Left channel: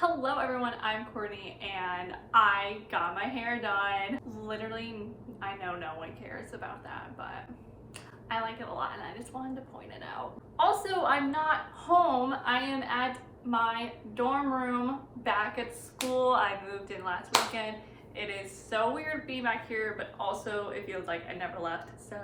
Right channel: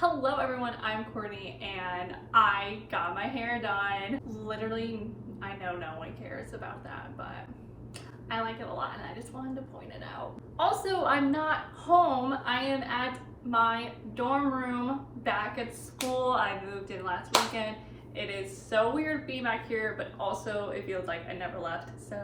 Hello everyone, I'm Courtney and I got my hair done. Literally, I know no one cares about that, but I like it a lot and I just wanted to point it out. Also, I'm not home. I am at my dorm room back at school. I moved in last weekend. It is so weird being back here, but also it feels like I never left. So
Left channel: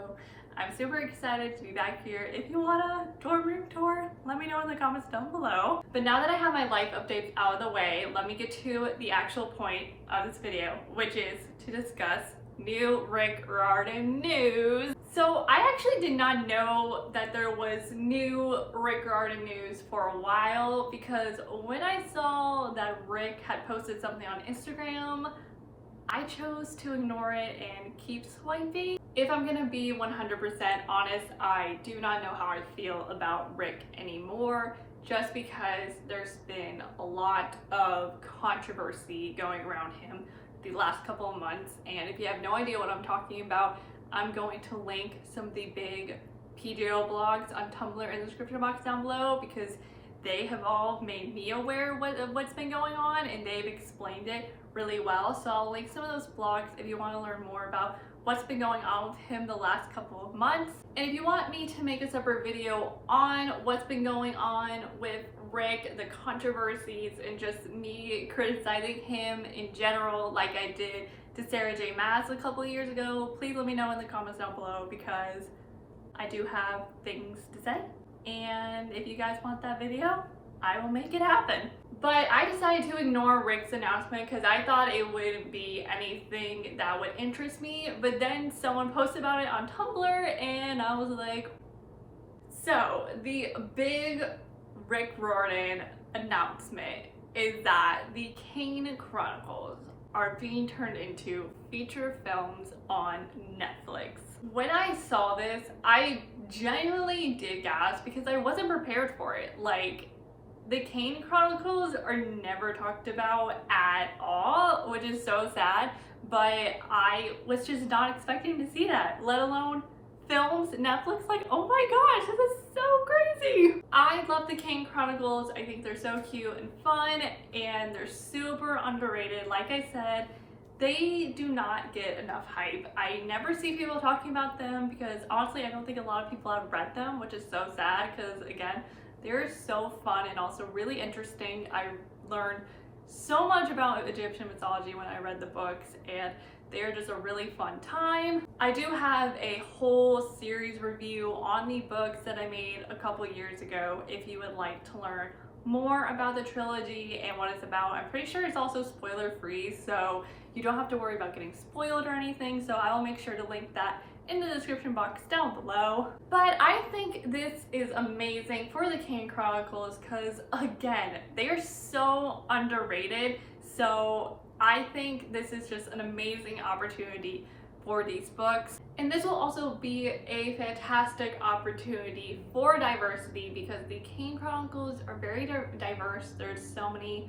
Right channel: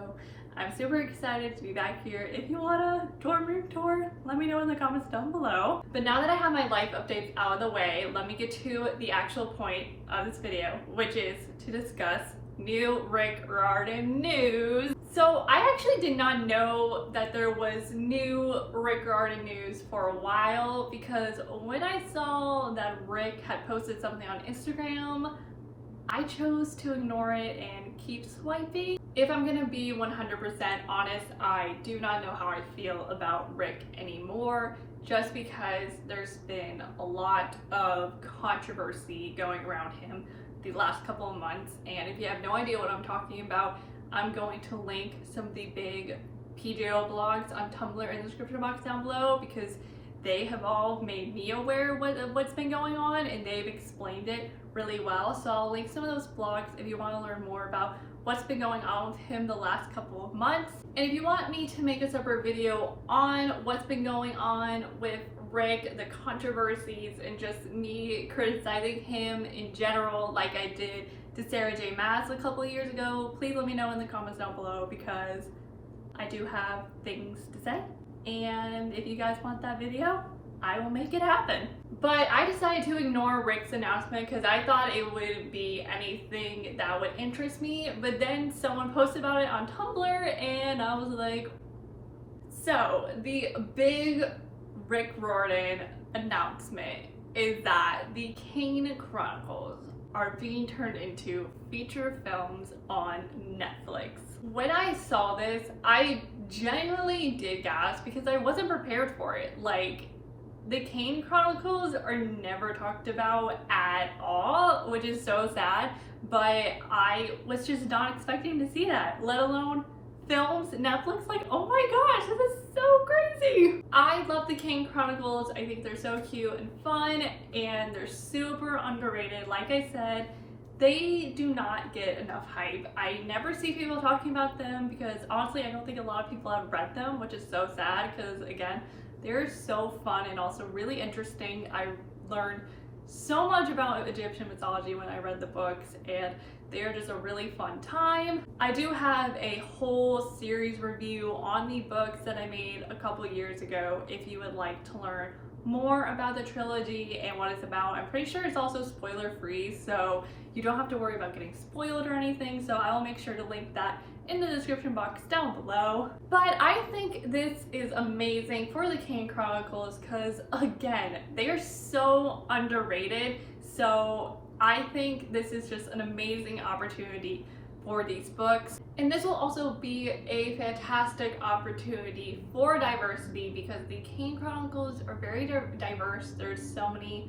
I'm super excited to be back here. If you want a dorm room tour, let me know in the comments down below. But now that I have my life updates out of the way, let me get to the actual point of this video, which is to discuss new Rick Riordan news. So I actually did not know that there was new Rick Riordan news for a while, because when I saw that Rick had posted something on Instagram, I chose to ignore it and keep swiping. If I'm gonna be 100% honest, I do not know how I feel about Rick anymore, just because there's been a lot of controversy going around him the last couple of months. And if you have no idea what I'm talking about, I'm going to link some of the big PJO blogs on Tumblr in the description box down below, because they have all made me aware of what's been going on and they've explained it really well. So I'll link some of those blogs if you want to learn more about what's been going on with him the last couple of months. And if you want me to make a separate video on what's been going on with Rick, the controversies, and just me criticizing him in general like I did to Sarah J. Maas a couple of years ago, please let me know in the comments down below, because I do have things to say. And if you guys want that video, I will make it happen. But I decided to ignore Rick's announcement because I thought it would be anything that would interest me. But then someone posted about it on Tumblr and I was like, so the big Rick Riordan announcement is that the Kane Chronicles are being turned into feature films on Netflix. When I saw this, I genuinely did gasp because I wasn't prepared for it. Like, the Kane Chronicles are never talked about at all, which is so sad, but I was just not expecting to see that, let alone films. Netflix, like, oh my gosh, this is so crazy. I love the Kane Chronicles. I think they're so cute and fun, and they're super underrated. Like I said, they do not get enough hype. I never see people talking about them because honestly, I don't think a lot of people have read them, which is so sad because, again, they're so fun and also really interesting. I learned so much about Egyptian mythology when I read the books, and they're just a really fun time. I do have a whole series review on the books that I made a couple years ago if you would like to learn more about the trilogy and what it's about. I'm pretty sure it's also spoiler free, so you don't have to worry about getting spoiled or anything, so I will make sure to link that in the description box down below. But I think this is amazing for the Kane Chronicles because, again, they are so underrated. So I think this is just an amazing opportunity for these books. And this will also be a fantastic opportunity for diversity because the Kane Chronicles are very diverse. There's so many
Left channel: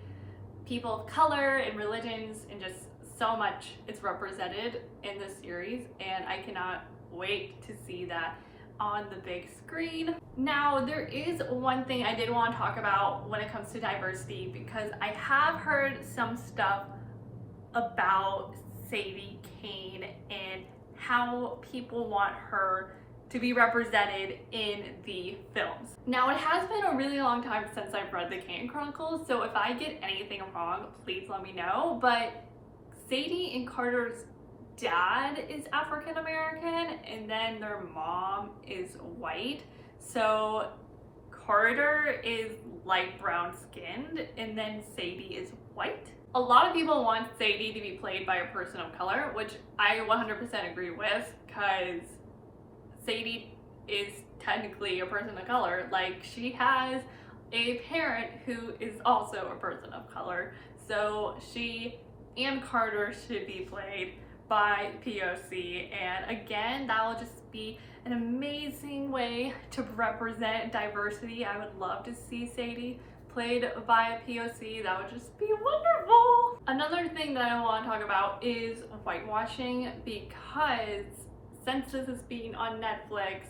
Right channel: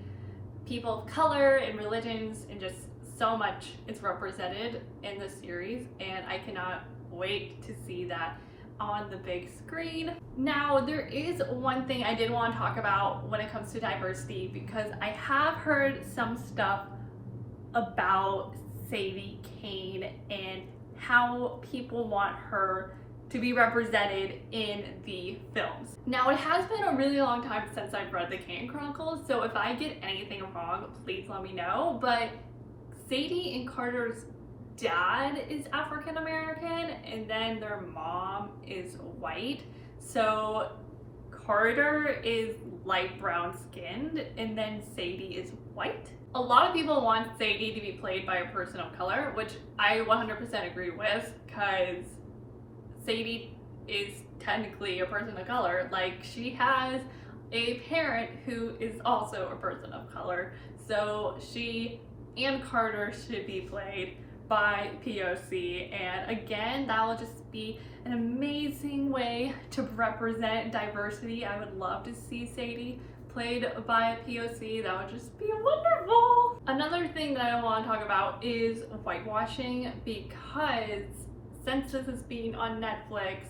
people of color and religions and just so much is represented in this series, and I cannot wait to see that on the big screen. Now, there is one thing I did want to talk about when it comes to diversity, because I have heard some stuff about Sadie Kane and how people want her to be represented in the films. Now, it has been a really long time since I've read the Kane Chronicles, so if I get anything wrong, please let me know. But Sadie and Carter's dad is African American and then their mom is white. So Carter is light brown skinned and then Sadie is white. A lot of people want Sadie to be played by a person of color, which I 100% agree with, because Sadie is technically a person of color. Like, she has a parent who is also a person of color. So she and Carter should be played by POC, and again, that will just be an amazing way to represent diversity. I would love to see Sadie played by a POC. That would just be wonderful. Another thing that I want to talk about is whitewashing, because since this is being on Netflix,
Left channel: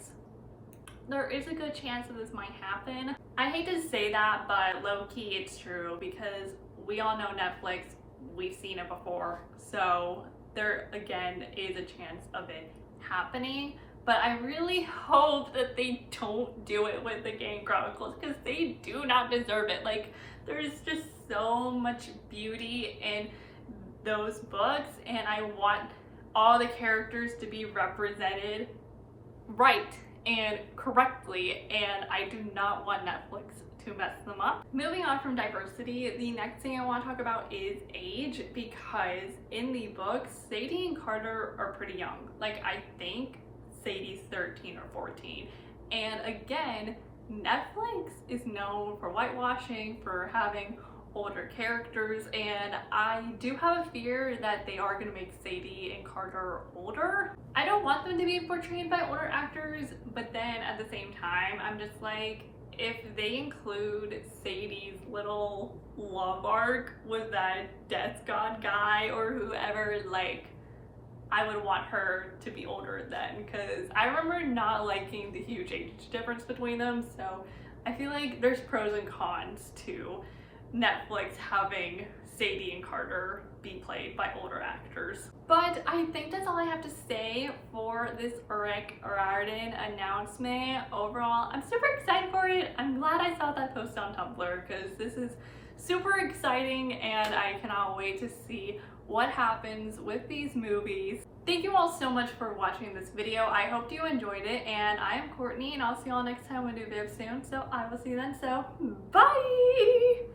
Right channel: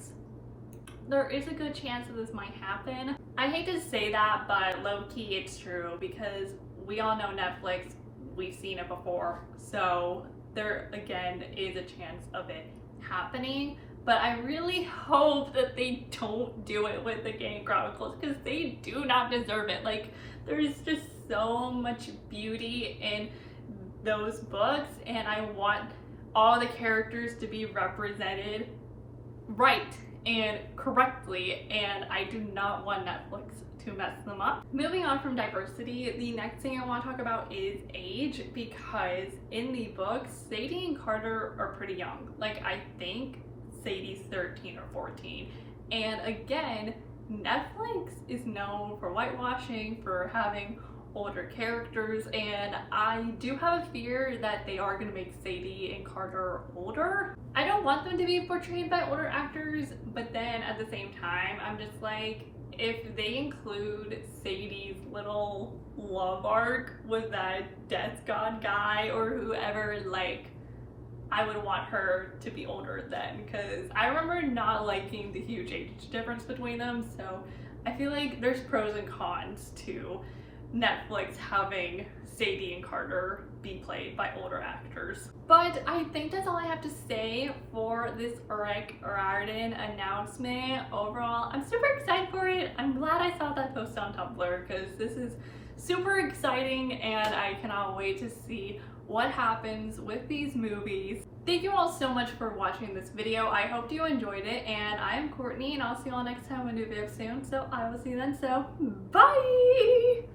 there is a good chance that this might happen. I hate to say that, but low-key it's true, because we all know Netflix, we've seen it before, so there again is a chance of it happening. But I really hope that they don't do it with the Kane Chronicles, because they do not deserve it. Like, there's just so much beauty in those books, and I want all the characters to be represented right and correctly, and I do not want Netflix to mess them up. Moving on from diversity, the next thing I want to talk about is age, because in the books, Sadie and Carter are pretty young. Like, I think Sadie's 13 or 14. And again, Netflix is known for whitewashing, for having older characters, and I do have a fear that they are going to make Sadie and Carter older. I don't want them to be portrayed by older actors, but then at the same time, I'm just like, if they include Sadie's little love arc with that death god guy or whoever, like, I would want her to be older then, because I remember not liking the huge age difference between them. So I feel like there's pros and cons to Netflix having Sadie and Carter be played by older actors. But I think that's all I have to say for this Rick Riordan announcement. Overall, I'm super excited for it. I'm glad I saw that post on Tumblr, because this is super exciting and I cannot wait to see what happens with these movies. Thank you all so much for watching this video. I hope you enjoyed it, and I am Courtney, and I'll see you all next time with a new video soon. So I will see you then. So bye!